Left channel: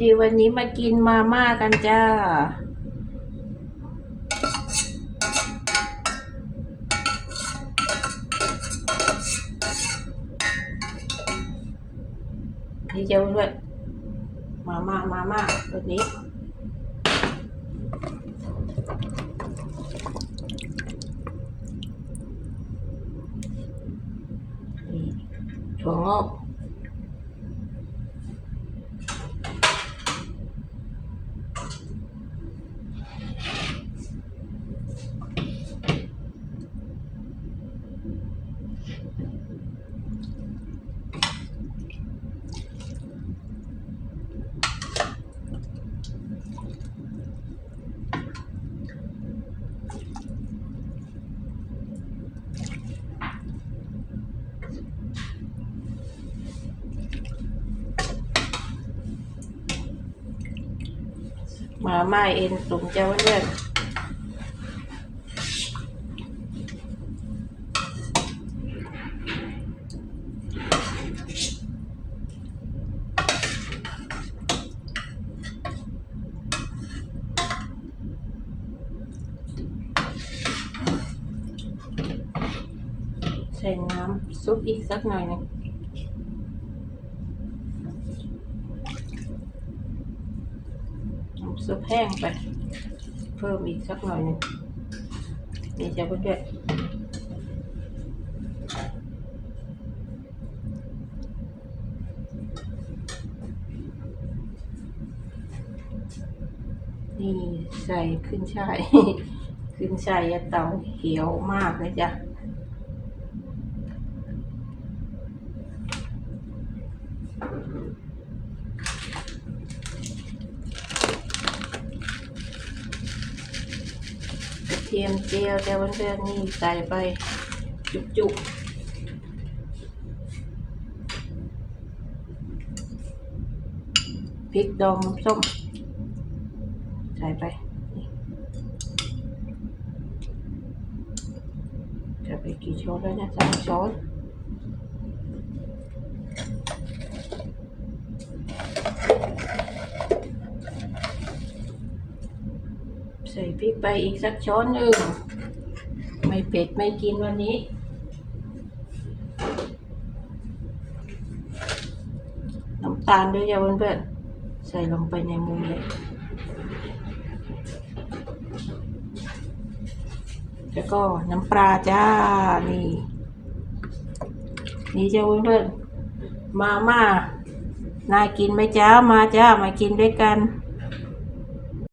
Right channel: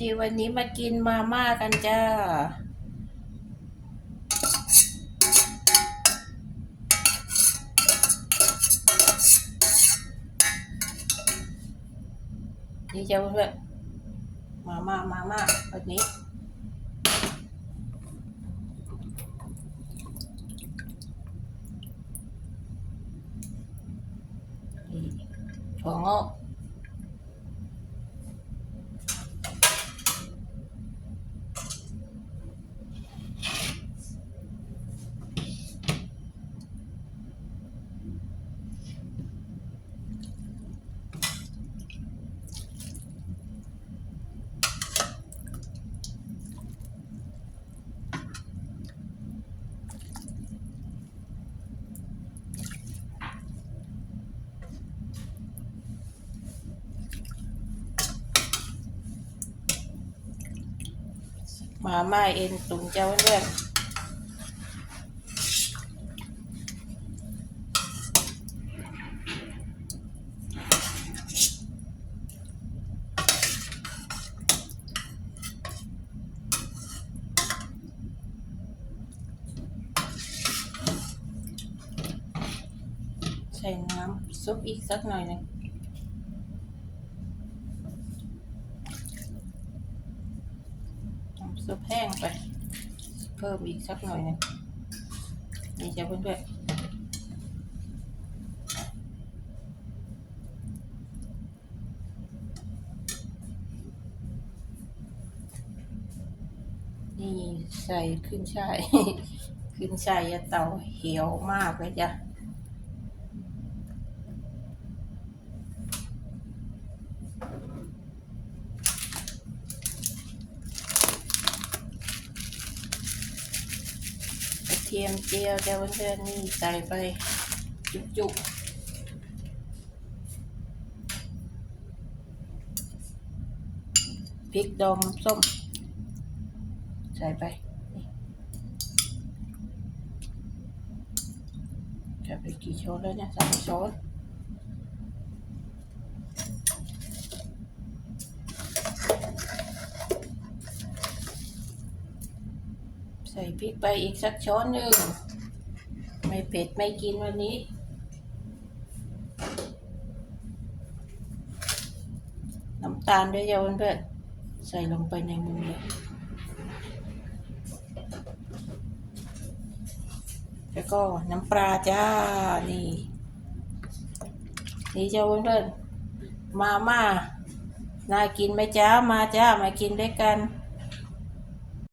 ดีวันนี้มากินมาม่ากันจ้า นี่จะด้วยมาม่ามาม่าแบบนี้นี่ถั่วงอก มาม่าเอ็นตุ๋นเจ้าเลือดใส่น้ำซุปอีกสักหน่อยหนึง น้ำ ซุปแห้งไป เพิ่มอีกสักหน่อยหนึงนี่จะเพื่อนนี่ใส่ขึ้นช่าย ขึ้นช่ายเตาเหี่ยวมากเลยจ้ะ กระเทียมเจียวแต่วันเพื่อนๆนี่ใส่ไปจุกๆพริกดองส้ม ใส่ไปนี่จะไปกี่ช้อนแล้วเนี่ยสามช้อน พริกไปอีกสักช้อนหนึ่ง ไม่เผ็ดไม่กินวันนี้ น้ำตาลด้วยจ้ะเพื่อนๆใส่ลงไปในมุมเลยแล้วก็น้ำปลาจ้า นี่ นี่จ้าเพื่อนๆมาม่าน่ากินไหมจ้ามาจ้ามากินด้วยกัน